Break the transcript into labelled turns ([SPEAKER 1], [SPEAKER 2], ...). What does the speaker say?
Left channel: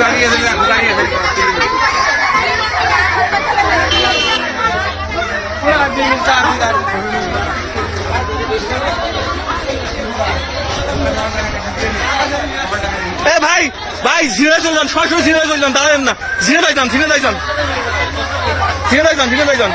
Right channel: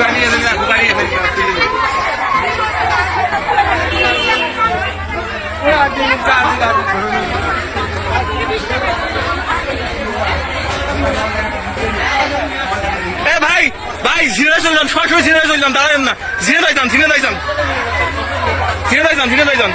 [SPEAKER 1] Gracias. এ ভাই ভাই, জিনে চলে যান সরাসরি জিনে চলে যান দাঁড়াবেন না। জিনে যাই যান জিনে যাই যান জিনে যাই যান জিনে যাই যান